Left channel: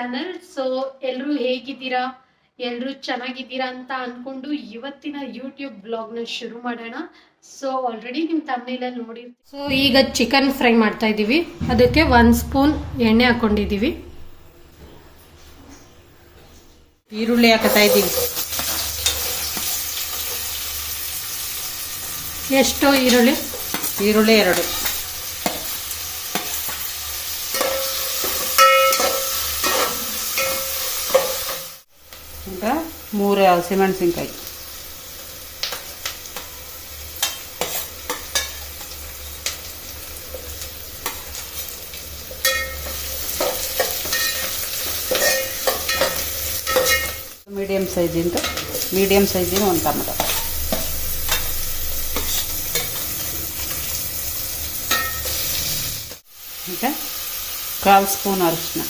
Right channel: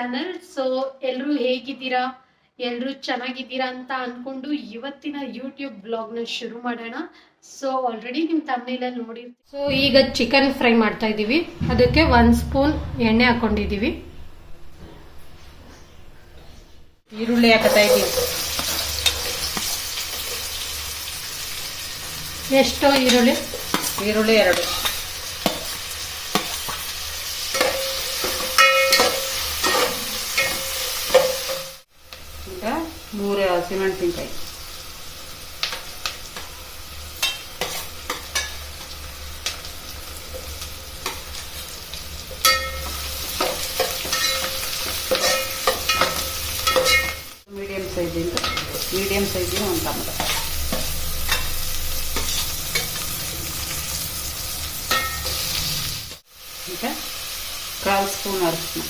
Channel. So ಎಲ್ಲರೂ ಹೇಗಿದ್ದೀರಾ, ಎಲ್ಲರೂ ಚೆನ್ನಾಗಿದ್ದೀರಾ ಅಂತ ಅನ್ಕೊಂಡು ಇವತ್ತಿನ ಯೂಟ್ಯೂಬ್ ಬ್ಲಾಗ್ನ ಶುರು ಮಾಡೋಣ. ಸೊ ಆಲ್ರೆಡಿ ನಿಮ್ಮ ತಮ್ಮನೇಲಿ ನೋಡಿರ್ತೀವಿ. ಸೊ ಈಗ ಚಿಕನ್ ಫ್ರೈ ಮಾಡ್ತಾ ಇದ್ದೀವಿ. ಅದಕ್ಕೆ 1 ಸ್ಪೂನ್ ಎಣ್ಣೆ ಹಾಕೊಂಡಿದ್ದೀವಿ. ಈರುಳ್ಳಿ ಹಾಕ್ತಾ ಇದ್ದೀವಿ. ಎಷ್ಟು ಈರುಳ್ಳಿ? ಈರುಳ್ಳಿ 2. ಈಗ 3 ಹಸಿಮೆಣಸಿನ್ಕಾಯಿ. ಮೀಡಿಯಂ ಸೈಜಿಂದ 1 ಟೊಮೆಟೊ. ಈಗ 1/4 ಸ್ಪೂನ್ ಅರಿಶಿನ.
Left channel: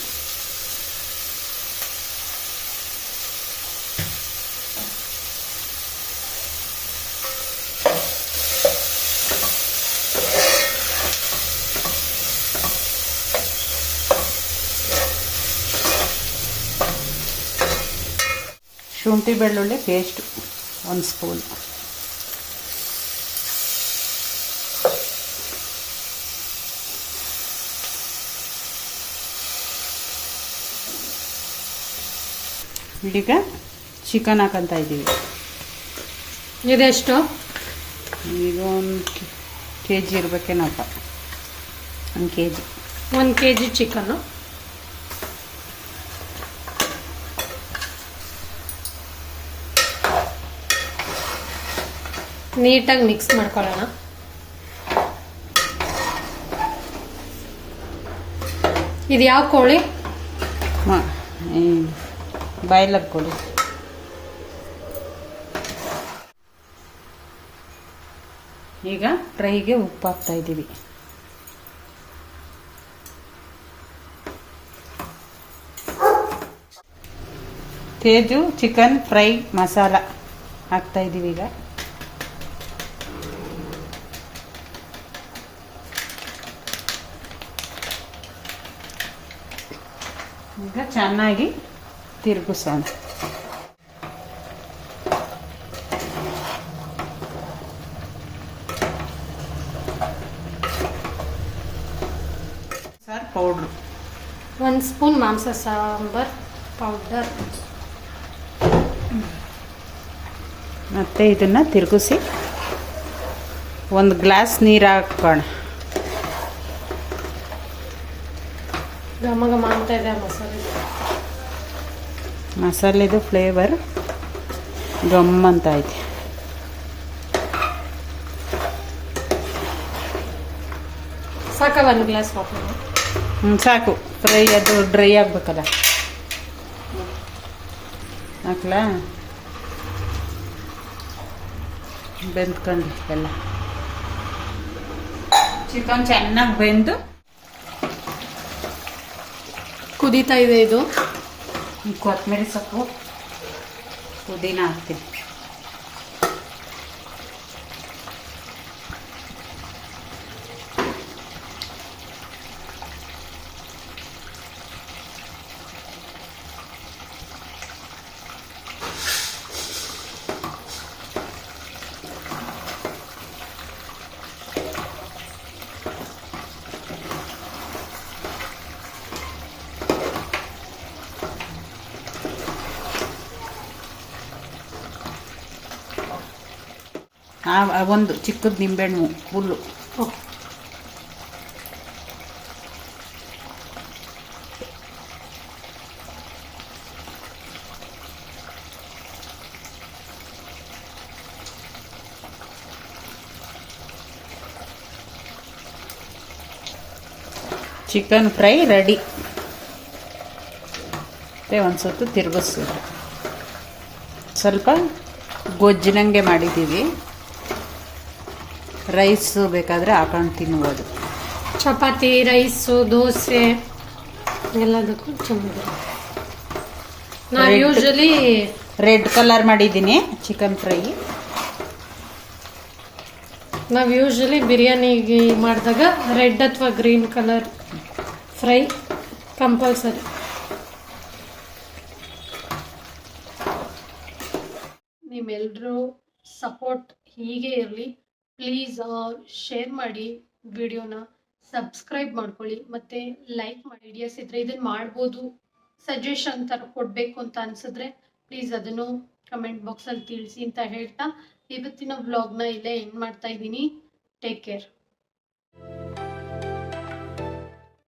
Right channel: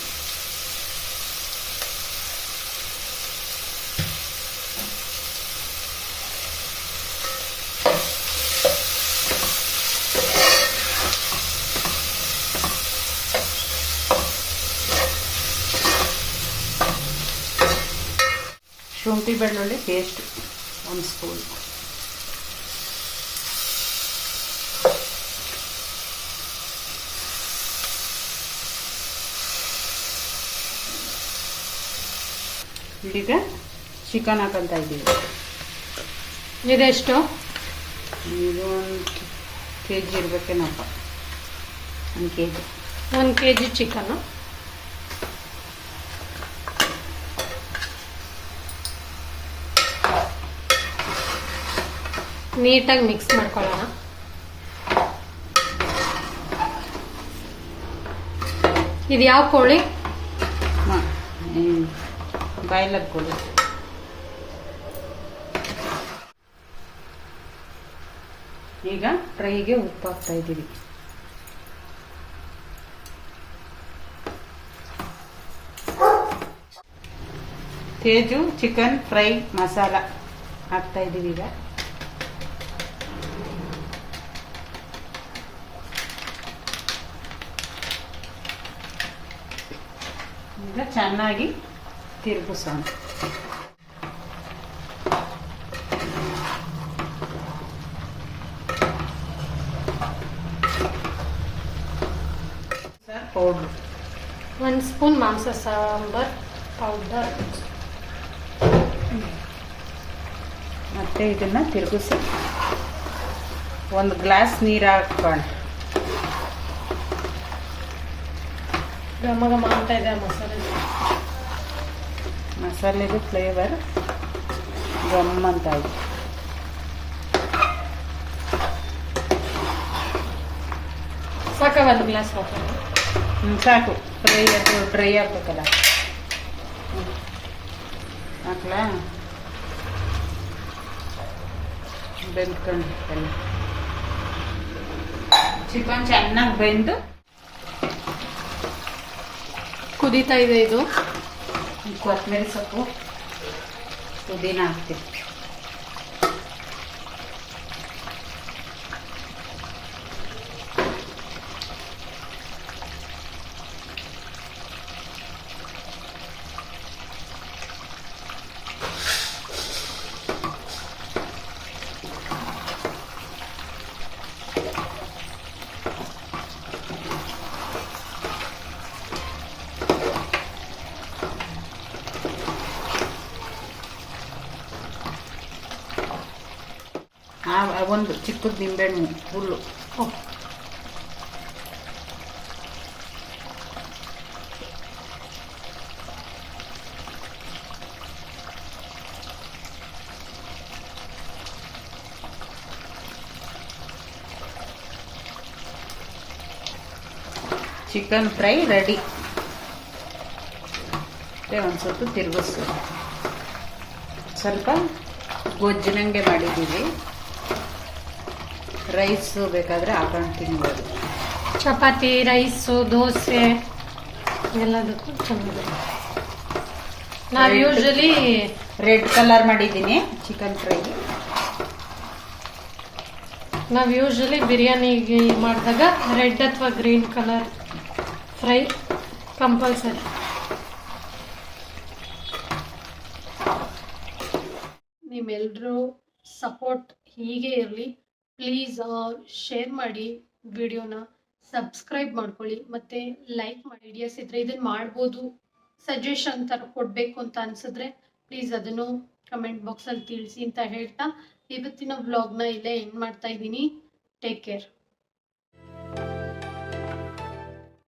ಶುಂಠಿ ಬೆಳ್ಳುಳ್ಳಿ ಪೇಸ್ಟ್ 1 ಸ್ಪೂನ್. ಈಗ ಚಿಕನ್ ಹಾಕಂತ ಇದ್ದೀವಿ. ಇದೆಷ್ಟು? ಇದು 1 kg ಇರ್ಬೇಕೇನಪ್ಪ. 1 kg. 1 kg chicken. ನೀಟಾಗಿ ಮಿಕ್ಸ್ ಮಾಡ್ಕೊಳ್ಳೋಣ. ಇದು ಯಾವ ಕೋಳಿ? ಬಾಯ್ಲರ್ ಕೋಳಿ. ಈಗ ಫ್ರೈಗೆ ಉಪ್ಪು ಹಾಕ್ತಾ ಇದ್ದೀವಿ. ತೇಜು ಚಿಕನ್ ಫ್ರೈ ಮಸಾಲ ಹಾಕ್ತಾ ಇದ್ದೀವಿ. ಈಗ ಚೆನ್ನಾಗಿ ತಿರುಗಿಸೋಣ. ಪೌಡ್ರ್ 1 ಸ್ಪೂನ್ ಮಾಂಸ ಸಾಂಬಾರ್ ಪೌಡರ್. ಮತ್ತೆ ಇದನ್ನ ತಿರುಗಿಸಿ 1 ಗ್ಲಾಸ್ ನೀರು ಹಾಕೋಣ. ಘಮ ಘಮ ಅಂತ ಇದೆ ಮಸಾಲೆದು ಫ್ಲೇವರ್ ಗಮ್ ಅಂತ ಐತೆ. ಸಾಕ 1 ಗ್ಲಾಸ್ ಹಾಕೋಣ? ಸಾಕು. ಫ್ರೈ ಅದು ಡ್ರೈ ಆಗ್ಬೇಕಲ್ಲ. ಹಾಕ್ಲಾ? ಬೆಂದ್ಕೊಂಡು ಎಲ್ಲ ಚಿಕನ್ ಚೆನ್ನಾಗಿ ಬೆಂದು ಕುದೀತಾ ಇದೆ. ಇದು ಕೊತ್ತಂಬರಿ ಸೊಪ್ಪು ಪುದೀನ ಹಾಕ್ತೀವಿ. ಒಂದು ಚಿಕ್ಕದು ನಿಂಬೆಹಣ್ಣು ಫುಲ್ಲು. Chicken fry ready. ಒಂದು ಸ್ವಲ್ಪ ತಿರುಗಿಸೋದು. ಸ್ವಲ್ಪ ಗೊಜ್ಜಿನಂಗೆ ಮಾಡಿದ್ದೀವಿ. ರೈಸು ಬೇಕಾದರೆ ಹಾಕೊಂಡು ತಿನ್ಬೋದು. ಚಪಾತಿ, ರೈಸು, ದೋಸೆ ಎಲ್ಲದಕ್ಕೂ ಚೆನ್ನಾಗಿದೆ. ನಾವು ಯೂಶಲಿ ರೆಡ್ ಕಲರ್ ಮಾಡಿದ್ದೀನಿ ಚಿಕನ್ ಫ್ರೈ. ನಾವು ಯೂಶಲಿ ಬಿರಿಯಾನಿಗೆ ಮಾಡಿದಾಗ ರೆಡ್ ಅಥವಾ ಗ್ರೀನ್ ಕಲರ್ ಫ್ರೈ ಕಂಪಲ್ಸರಿ. ನಿಮ್ಮೆಲ್ಲರೂ ಸಪೋರ್ಟ್ ಹೀಗೆ ಇರಲಿ. ಪ್ಲೀಸ್ ಶೇರ್ ಮಾಡಿ ವಿಡಿಯೋನ, ಸಬ್ಸ್ಕ್ರೈಬ್ ಮಾಡ್ಕೊಳ್ಳಿ ಮತ್ತು ಲೈಕ್ ಮಾಡಿ. ಐಡಿಯಾಸ್ ಇದ್ದರೆ ಇದನ್ನು ಮಾಡ್ಬೋದು, ಸಜೆಷನ್ ಥರ ಕೊಡಬೇಕು ಅಂತ ಅನಿಸಿದ್ರೆ ಪ್ಲೀಸ್ ಅದನ್ನು ಕಮೆಂಟ್ ಬಾಕ್ಸಲ್ಲಿ ತಿಳಿಸಿ ಅಂತ ಹೇಳ್ತಾ ಇವತ್ತಿನ ವ್ಲಾಗ್ನ ಇಲ್ಲೇ ಎಂಡ್ ಮಾಡ್ತಾ ಇದ್ದೀನಿ. Take care.